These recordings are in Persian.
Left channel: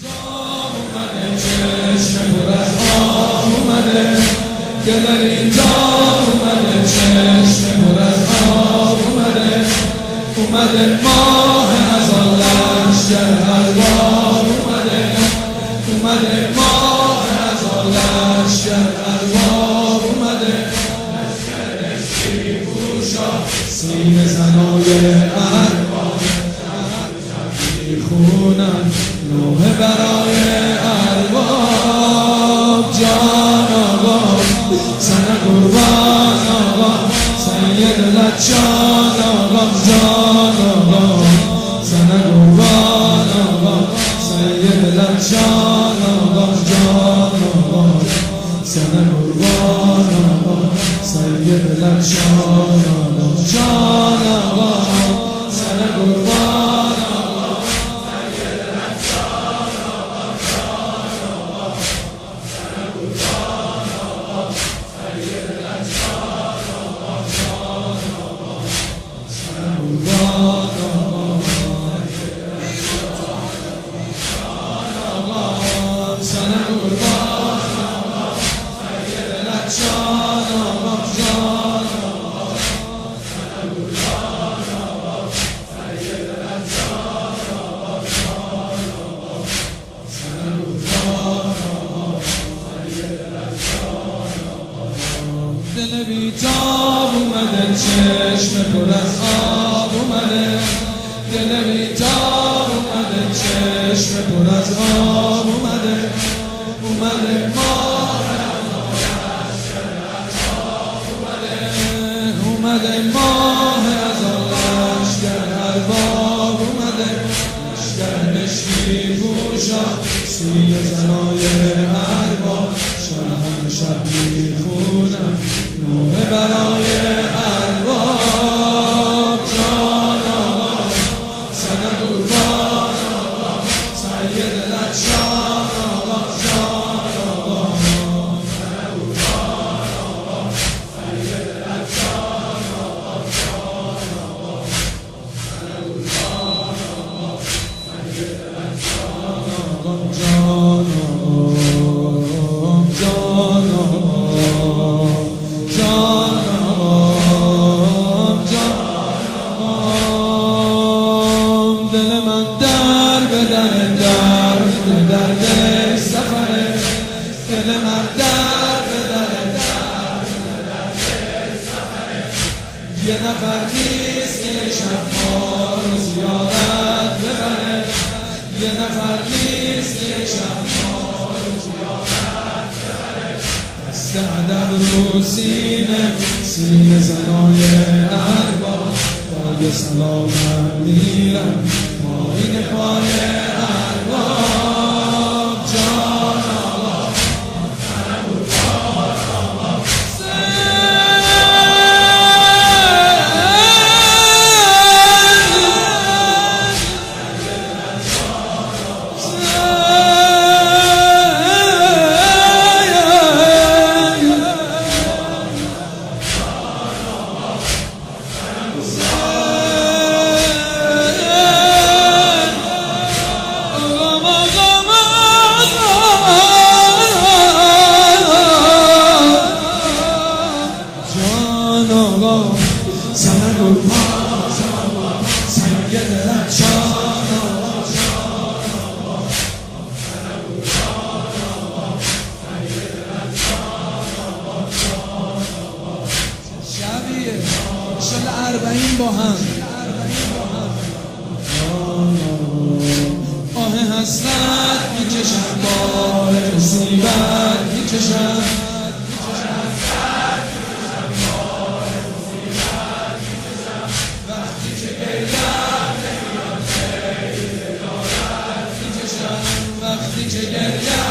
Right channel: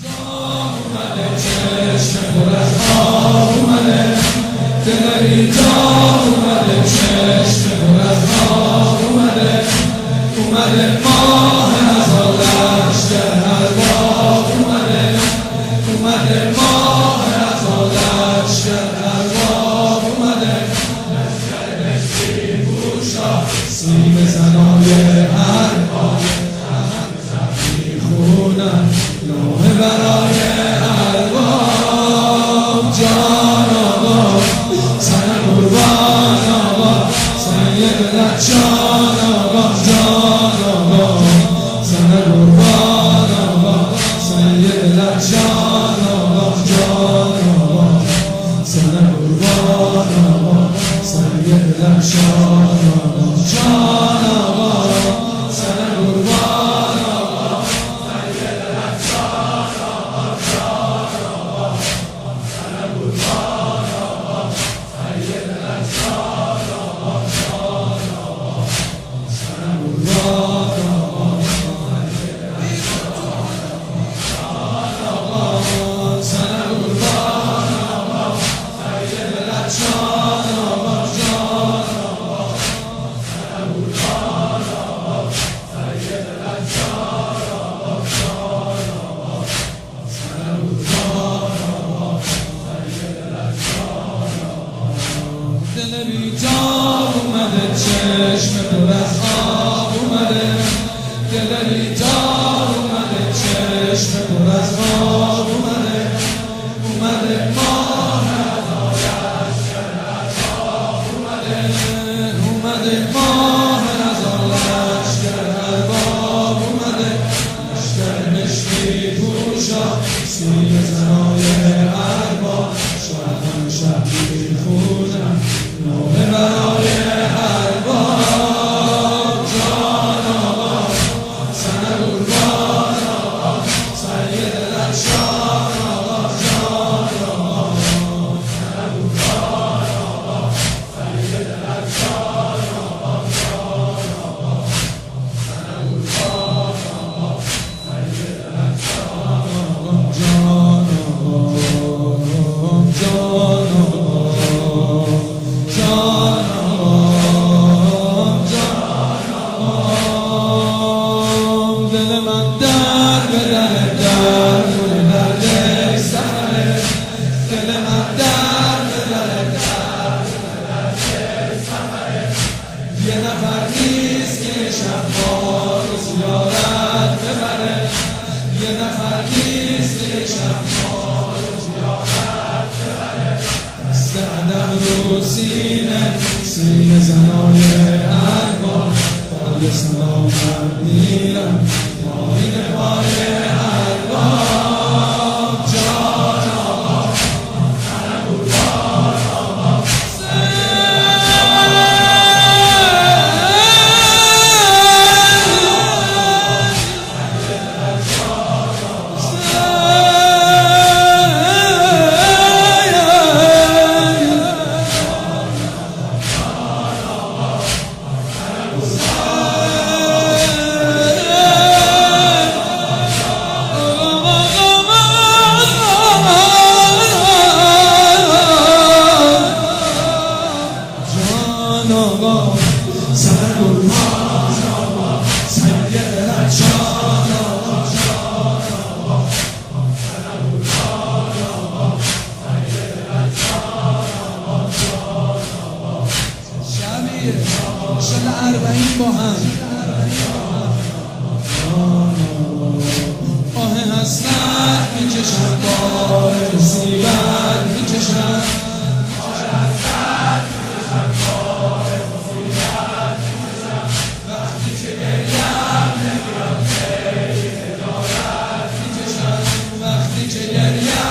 بیتاب اومده، چشم پر از آب اومده، دل بیتاب اومده، چشم پر از آب اومده، اومده ماه ازال لشگر ارباب اومده، اومده ماه ازال لشگر ارباب اومده، سینه زنای ارباب میخونن نوحه برای ارباب. جان آقا سن قربان آقا سید لچان آقا، جان آقا سن قربان آقا سید لچان آقا، جان آقا سن قربان آقا سید لچان آقا، جان آقا سن قربان آقا سید لچان آقا، جان آقا سن قربان آقا سید لچان آقا، جان آقا سن قربان آقا سن قربان آقا سید لچان آقا، جان آقا سن قربان آقا سید لچان آقا، جان آقا سن قربان آقا سید لچان آقا. دل بیتاب اومده، چشم پر از آب اومده، دل بیتاب اومده، چشم پر از آب اومده، اومده ماه اومده ماه ازال لشگر ارباب اومده، لشگر مشکی پوشا سینه زنای ارباب، شب شب میخونن نوحه برای ارباب. جان آقا سن قربان آقا سید لچان آقا، جان آقا سن قربان آقا سید لچان آقا، جان آقا سن قربان آقا سید لچان آقا، جان آقا جان آقا جان آقا جان آقا. دل من در به در مونه درد سفره، دل من در به در سفره، یه نفر نیست که شب ما رو زیارت ببره، یه نفر نیست که شب ما رو زیارت ببره، دست ادب رو سینه سینه زنای ارباب، پای سلامت میرم پایین پای ارباب. جان آقا سن قربان آقا سن قربان آقا سید لچان آقا، جان آقا سن قربان آقا سید لچان آقا، جان آقا. شبیه شل 40 با هم، جان آقا آه حسرت میکشن، بار مصیبت میکشن، وقتی که گریم نمیاد خیلی دارد میکشم، وقتی که گریم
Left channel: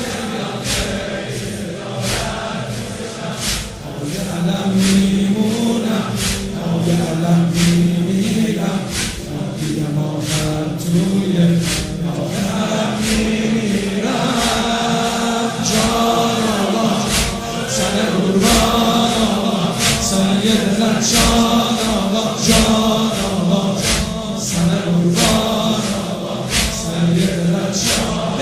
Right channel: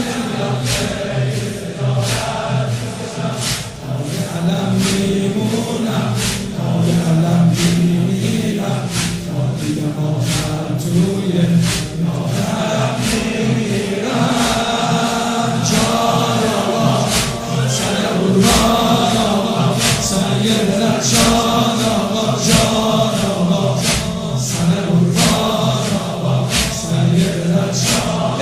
نمیاد خیلی دارد میکشم، پای علم میمونم پای علم میمیرم، تا دیدم آخر توی راه حرم میمیرم. جان آقا سن قربان آقا سید لچان آقا، جان آقا سن قربان آقا سید لچان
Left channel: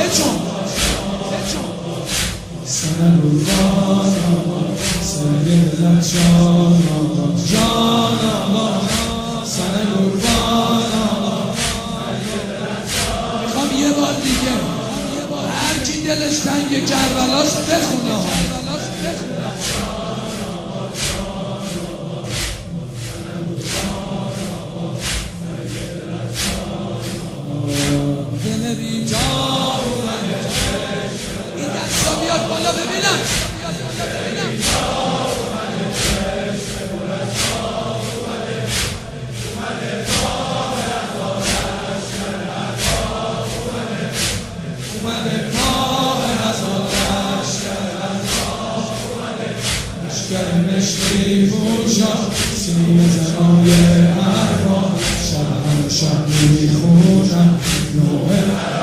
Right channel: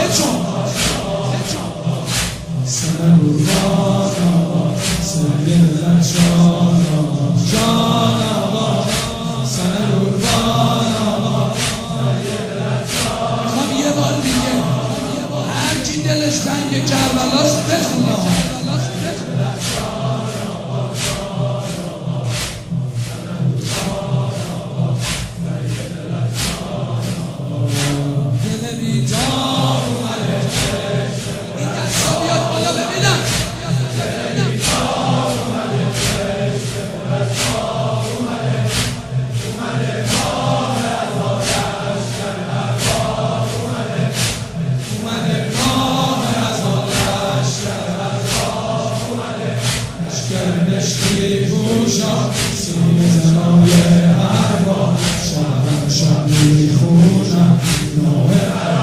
سنه قربان آقا سید لبشان آقا جان آقا سنه قربان آقا. میخوام یه بار دیگه هر کی دلش تنگ کربلاست بخونه دل بیدار اومده. این دستا بیاد بالا ببینم. اومده ماه از لشکر مشکی پوشا سینه زنای ارباب شب همه شب میخونم نوه